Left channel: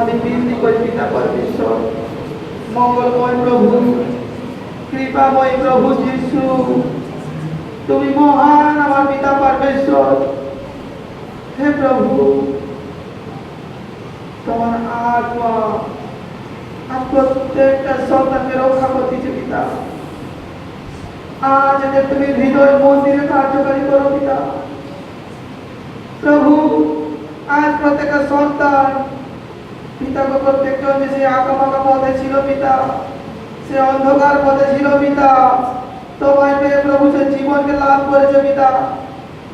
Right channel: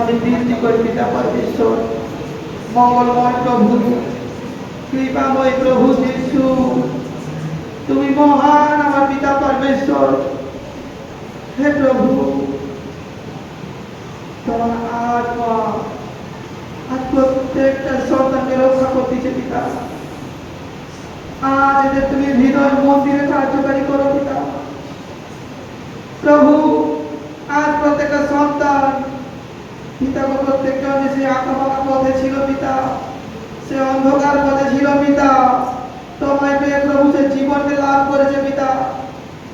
আমি বিনতি করি পিতা পরমেশ্বর, মঙ্গলময় প্রভু, কৃপাময় প্রভু যিশু, তুমি মহান আমার পিতা পরমেশ্বর। হে প্রভু, তোমার আত্মা আজ প্রত্যেকটা সন্তানকে রক্ষা করতেছে পিতা। আজ এদের তুমি হৃদয় মন্দিরে কার্যকারী করো পিতা। প্রভু, আজ প্রত্যেকটা সন্তান পিতাকে প্রত্যেকজন যে সে আঁকাবাঁকা পথে ছিল পিতা, সে অন্ধকার পথে ছিল পিতা, তোমায় পেয়ে প্রভু সে জীবনকে লাভ করেছে পিতা।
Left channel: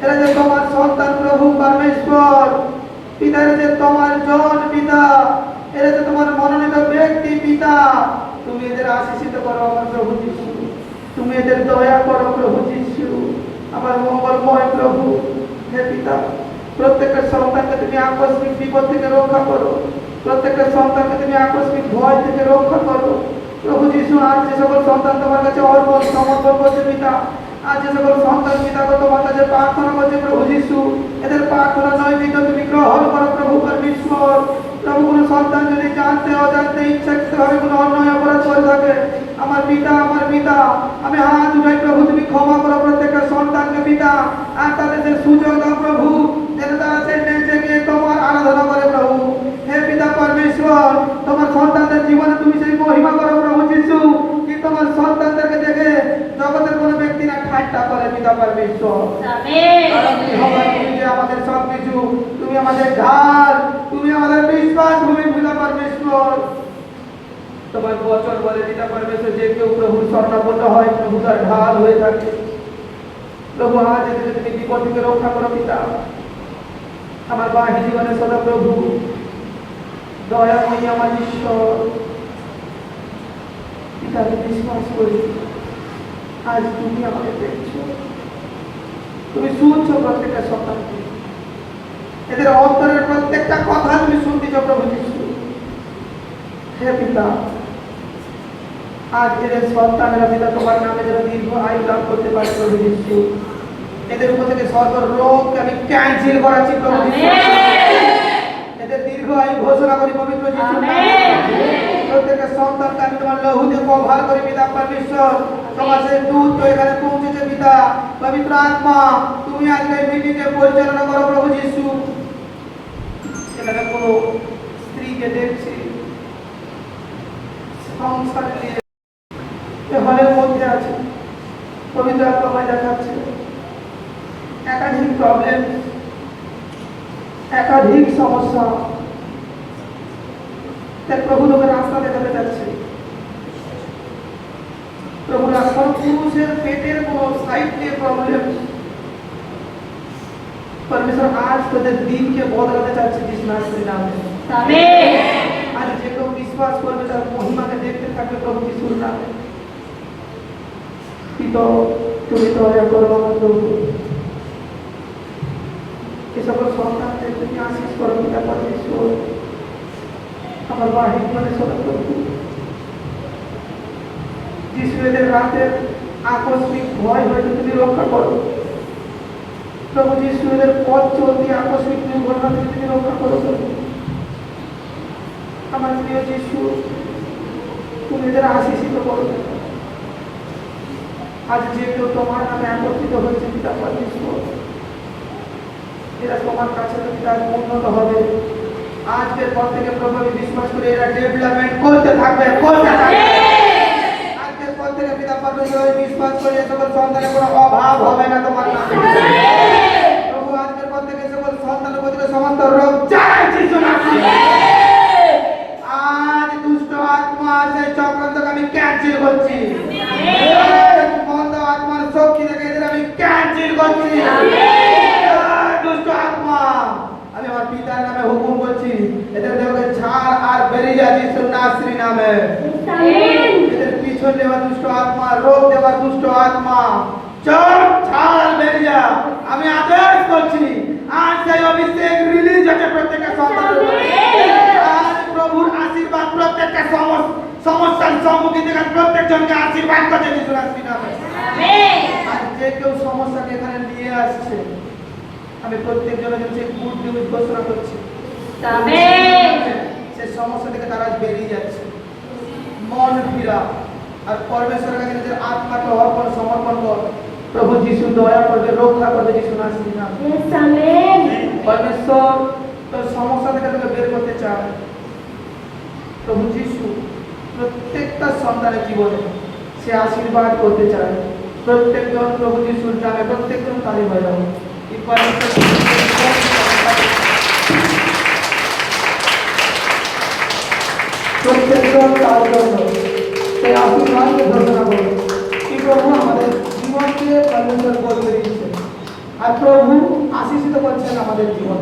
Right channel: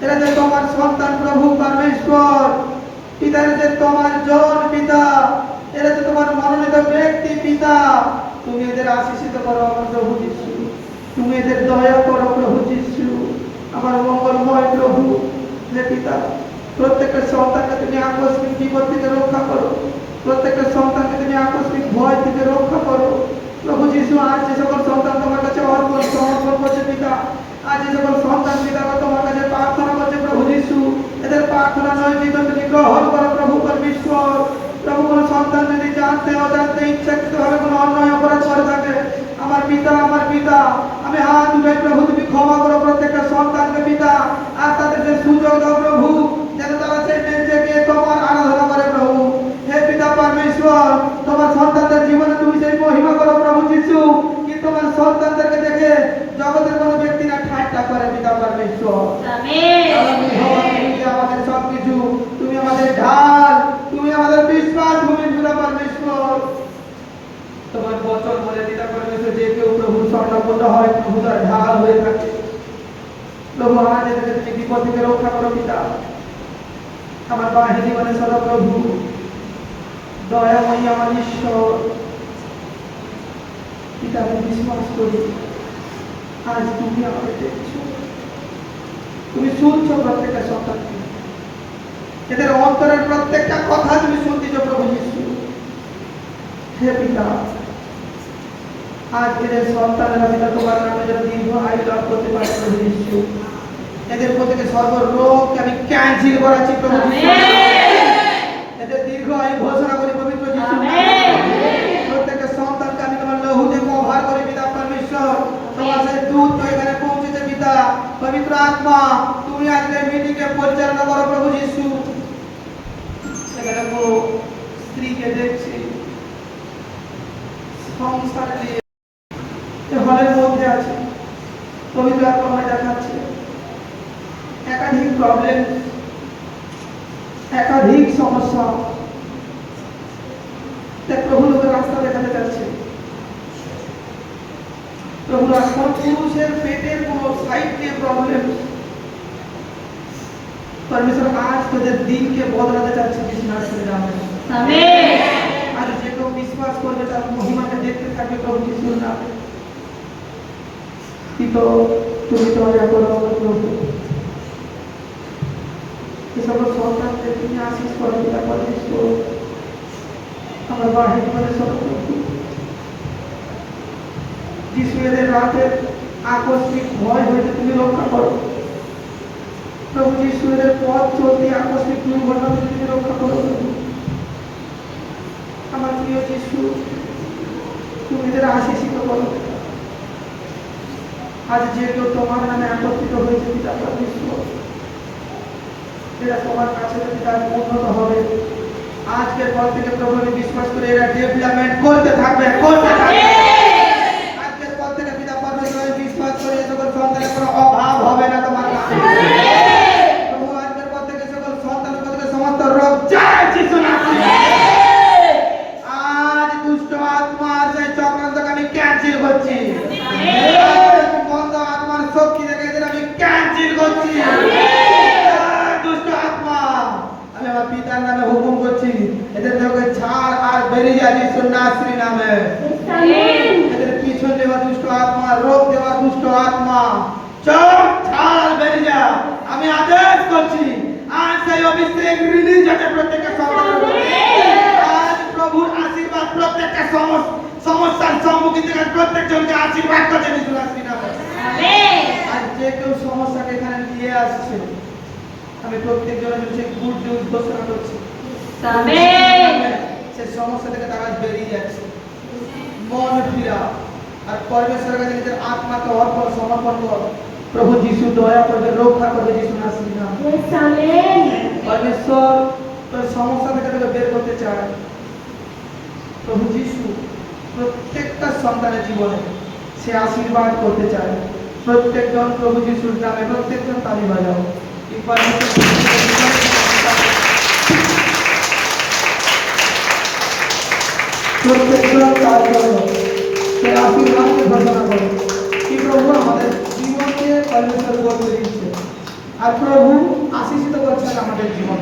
এরা যে তোমার সন্তান প্রভু পরমেশ্বর পিতা, এরা যে তোমার জন পিতা, এরা যে তোমার মনোনীত ব্যক্তি পিতা। তুমি এদের আশীষিত করো আমার প্রভু যিশু, তুমি এদের দয়া করো প্রভু যিশু, আমার মঙ্গলময় প্রভু। হে পিতা, প্রত্যেকটা সন্তানকে তুমি আকস্মিক বিপদ থেকে রক্ষা করো, প্রত্যেকটা সন্তানকে তুমি আকস্মিক ভয় থেকে রক্ষা করো প্রভু যিশু। আজ যে সকল সন্তান তোমার কাছে অর্পণ সমর্পণ করছে পিতা, আজ যে সকল সন্তান পিতা তোমার কাছে প্রার্থনা করছে প্রভু যিশু, এদের প্রার্থনা নৈবেদ্য তুমি গ্রহণ করো প্রভু পরমেশ্বর। প্রভু, কোন সন্তান যদি জানতে অজান্তে ইচ্ছাকৃতভাবে কোনো অন্যায় অপরাধ করে থাকে, আমার পিতা আমি হাত উঠাই প্রভু, তুমি ক্ষমা করো প্রত্যেকটা সন্তানকে পিতা। আর তাদের যে সুযোগ দাও প্রভু, যেন তারা সেই নিজেকে তোমার আরাধনা করে প্রভু। হে পিতা পরমেশ্বর, তোমার সন্তানদের জীবনে তুমি সেই মহিমা করো প্রভু যিশু, কি তোমার সন্তানদেরকে দেখে জগতের কোনো ব্যক্তি না ঠাট্টা করে পিতা পরমেশ্বর। তুমি যে আমাদের সবকিছু, তুমি আমাদের ঢাল, তুমি আমাদের বিশ্বাস ভূমি পিতা পরমেশ্বর। তোমার বচন বলে পিতা পরমেশ্বর, যে কেউ প্রভু শরণাপন্ন হয় প্রভু তার ঢাল হয়ে থাকে। প্রভু, আজ তুমি বিপদ থেকে রক্ষা করো পিতা। আমার বাহিনী জীবনে সদা প্রভু দয়াময়ী আমার ঈশ্বর পিতা, আমি বিশ্বাস করি আজ তুমি আমাদের দেখছো, তুমি শুনছো প্রত্যেকটা সন্তানকে, এদের অন্তরের প্রত্যেকটা কথা তুমি শুনতেছ প্রভু যিশু। হে পিতা, আজ এদের সন্তানেরা পিতা তোমার নামে যেন দীর্ঘ আয়ু লাভ করতে পারে প্রভু যিশু। এদের উপর থেকে সর্বরোগকে আমি ক্যান্সেল করাচ্ছি প্রভু যিশু। এদের দীর্ঘ আয়ু ঘোষণা করি পবিত্র যিশু। প্রত্যেকটা সন্তানকে আমি তোমার লহুতে কভার করি পিতা পরমেশ্বর। তোমার সেই দূত তো এখানে পৌঁছেছে পিতা। পবিত্র আত্মা, তুমি আজকে মিটিংকে পরিচালনা করো প্রভু যিশু। এখানে স্ত্রীকে দেখছি সংসার নিয়ে হলের মধ্যে আছে, পবিত্র আত্মায় দেখাচ্ছে একাধিক প্রবলেম, একাধিক সমস্যা। তাই প্রভু লোকের রাস্তা দেখাতে যাচ্ছে প্রভু। রাস্তা পুরুষের পেটের কোন সাইড দিয়ে প্রবলেম, পরমেশ্বর আজ তোদের দিনকে বদলাতে চাচ্ছে যিশুর নামে। আজ যে কেউ বিশ্বাস করবে তার মহিমাকে দেখতে থাকবে প্রভু যিশুর নামে। তুমি দয়া করো প্রভু, এ সকল সন্তানকে তুমি আশীষ করো পিতা পরমেশ্বর। আমার বাহিনী মানে সব প্রভু যিশু, এদের রাতের আকস্মিক ভয় হইতে তুমি রক্ষা করো প্রভু যিশু। এদের পথ চলতি আকস্মিক দুর্ঘটনা থেকে তুমি রক্ষা করো প্রভু। আমার প্রিয় যিশু, তুমি এদের আশীষিত করো। আজ যে কেউ তোমার নামে একত্রিত হয়েছে পিতা পরমেশ্বর, এরা তোমার কাছে তার উন্নত হবে। আজকের পর থেকে প্রভু আমি বিশ্বাস করে এরা ডেভেলপমেন্ট করতে থাকবে। আজকের পর থেকে পিতা পরমেশ্বর বিশ্বাস করে সকল সন্তানের কোনো অভাব হবে না তোমার নামে প্রভু। আজকের পর থেকে সকল সন্তানের প্রতি সমস্ত রোগ যায় যিশু নামে। আজ দুষ্ট আত্মা সেই চক্রান্তকে আমি ক্যান্সেল করছি। বন্ধ আত্মার শক্তি থেকে এদের আমি ক্যান্সেল করছি। দুষ্ট আত্মা, আমি আমার পিতার নামে হুকুম করছি, এদের দেহকে ছাড় আর বেরিয়ে যা যিশুর নামে। এদের পিছন দেওয়া দুষ্ট আত্মা, রোগ দেওয়া দুষ্ট আত্মা, চোখ ছাড় আর বেরিয়ে যা। আমি আদেশ করছি আজ সেই অভিষেক রিলিজ হচ্ছে প্রত্যেকটা সন্তানের উপরে। আজ প্রভুর আশীর্বাদ প্রত্যেকটা সমস্যার সম্মুখীন থেকে প্রত্যেকজনকে আশীর্বাদ করছে যিশুর নামে। আজ যে কেউ সমস্যাকে এখানে নিয়ে আসছে, আমি প্রত্যেক জনের সেই গুড নিউজ ঘোষণা করছি। সে परमेश्वर का নিজের আত্মাকে অর্পণ সমর্পণ কর প্রভু যিশু দয়া করবে রক্ষা করবে যিশু নামের নামে Yes, amen. परमेश्वर তোর সমস্যা থেকে তোকে বের করতে চায় প্রভু যিশু প্রত্যেকটা সন্তানের জীবনে সে আশীর্বাদ করতে চায় প্রত্যেকজন প্রভু যিশুর নামে প্রত্যেকজন তালি বাজাও এই প্রত্যেকজন তার জন্য সেই আশীর্বাদকে ঘোষণা করে কি প্রভু আমাদের জীবনকে परमेश्वर বদলে দিচ্ছে আর প্রভু আশীষিত করছেন আমাদের জীবন